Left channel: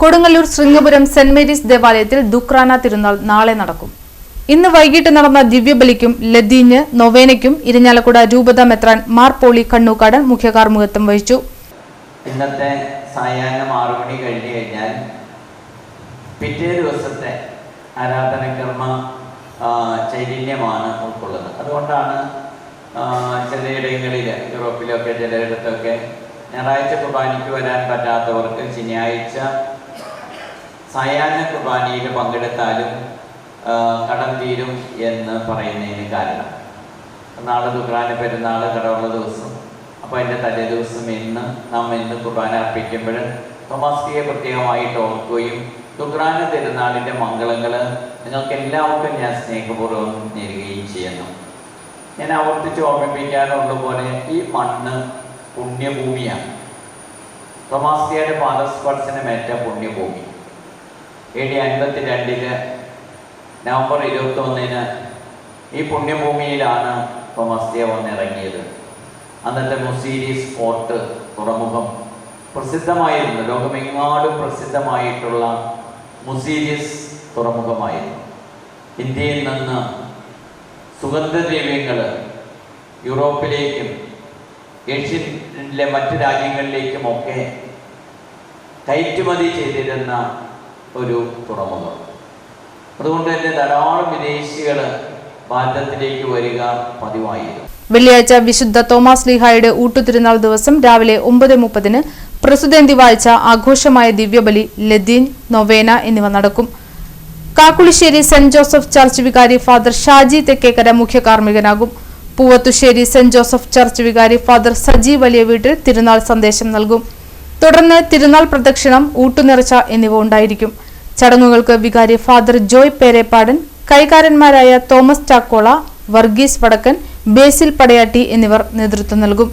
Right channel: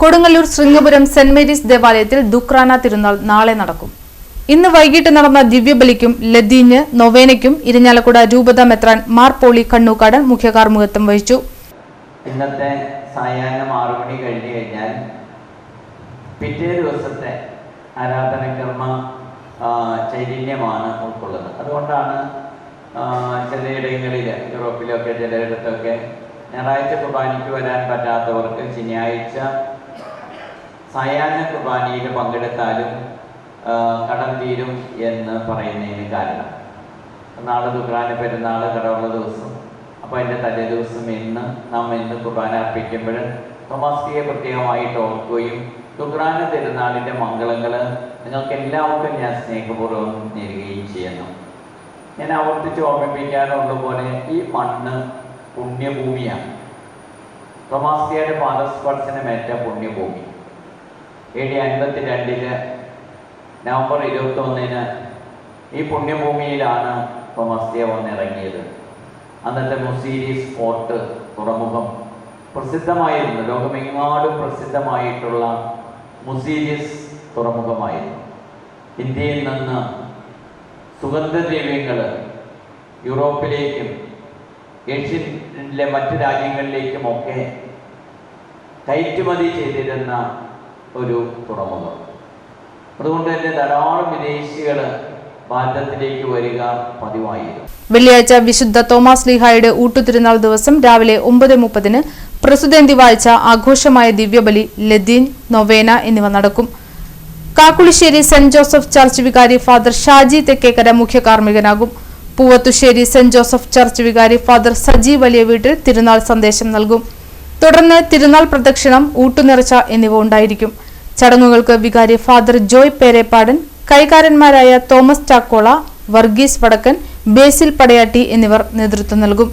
Kodungallur Sringapuram saint Mary's ദേവാലയത്തിൽ ദുഃഖ്രാന തിരുനാൾ നാളെ നടക്കും. ഇന്ന് വൈകിട്ട് നടന്ന ദിവ്യബലിക്കും ലതീഞ്ഞ് നൊവേനയ്ക്കും ഇരിഞ്ഞാലക്കുട രൂപത മെത്രാൻ മാർ പോളി കണ്ണൂക്കാടൻ മുഖ്യ കാർമ്മികത്വം വഹിച്ചു. ഇന്നത്തെ സായാഹ്നം 6 മണി കഴിഞ്ഞു കഴിഞ്ഞാൽ പിറ്റേ ദിവസത്തെ ആരാധനകർമ്മ ചൈതന്യമാണ് ഉൾക്കൊള്ളുന്നത്. അതുകൊണ്ടാണ് ചിലയിടങ്ങളിൽ യൂറോപ്പിലൊക്കെ ചിലയിടത്തൊക്കെ ഞായറാഴ്ച കുർബാനയ്ക്ക് വരാൻ പറ്റാത്തവർക്ക് ശനിയാഴ്ച സായാഹ്ന കുർബാനയിൽ പങ്കെടുത്താലും കടം തീരും എന്ന് പറയുന്നതിന് കാരണം നാളെ ദുഃഖ്രാന പെരുന്നാൾ കടമുള്ള ദിവസം. അപ്പോൾ അതിൻ്റെ തലേ ദിവസം ഇന്ന് കുർബാന അർപ്പിക്കുമ്പോൾ തോമാസ്ലിഹയെ പ്രത്യേകമായിട്ട് ഓർക്കുകയും ദുഃഖ്രാന പെരുന്നാളിൻ്റെ മംഗളങ്ങൾ നിങ്ങൾക്ക് എല്ലാവർക്കും ഞാൻ സ്നേഹപൂർവ്വം നേരുകയും ചെയ്യുന്നു. ഞാൻ ആവർത്തിച്ച് ഓർമ്മിപ്പിക്കാനുള്ള പോലെ ഈ മണ്ണ് പുണ്യഭൂമിയാണ്. തോമാസ്ലിഹയുടെ പാദസ്പർശനമേറ്റ പുണ്യഭൂമി. AD 52 നവംബർ 21 ഈ പുണ്യഭൂമിയിലാണ് തോമാസ്ലിഹ വന്നിറങ്ങിയത്. അന്നത്തെ മുസീരീസ് പോർട്ട് തുറമുഖം പ്രസിദ്ധമായിരുന്നു. ലോകമെങ്ങാടും പ്രസിദ്ധമായിട്ടുള്ള മുസീരീസ് തുറമുഖമായിരുന്നു. ഇന്ത്യയിൽ നിന്ന് സുഗന്ധദ്രവ്യങ്ങൾ യൂറോപ്പിലേക്കും ഏഷ്യയിലെ മറ്റ് രാജ്യങ്ങളിലേക്കുമൊക്കെ കയറ്റുമതി ചെയ്തിരുന്ന ഒരു തുറമുഖം. അതുകൊണ്ട് തന്നെ ധാരാളം വിദേശികൾ ഭാരതത്തിലേക്ക് വരിക പതിവായിരുന്നു. വെള്ളിയാഴ്ച വിശുദ്ധ തോമാസ്ലിഹായുടെ ഊട്ടുതിരുനാൾ ദിവസം രാവിലെ 9:30 പ്രസുതേന്തി വാഴ്ച, ആഘോഷമായ ദിവ്യബലി, ലതീൻ, നൊവേന എന്നിവ നടക്കും. കാക്കുളിശ്ശേരി സെന്റ് ജോസഫ് ചർച്ച് വികാരി ഫാദർ ഷാജി തെക്കേക്കര മുഖ്യ കാർമ്മികനാകും. പൂവത്തുശ്ശേരി സെന്റ് ജോസഫ് ചർച്ച് വികാരി ഫാദർ സജി വലിയ വീട്ടിൽ തിരുനാൾ സന്ദേശം നൽകും. തുടർന്ന് തിരുനാൾ പ്രദക്ഷിണം, ഊട്ടുനേർച്ച എന്നിവ ഉണ്ടായിരിക്കും. ചടങ്ങുകൾക്ക് വികാരി ഫാദർ ജോയ് പേരേപ്പാടൻ, കൈകാരന്മാരായ തോമസ് ചാക്കോള, വർഗീസ് വടക്കൻ, ബേസിൽ പടയാട്ടി എന്നിവർ നേതൃത്വം നൽകും.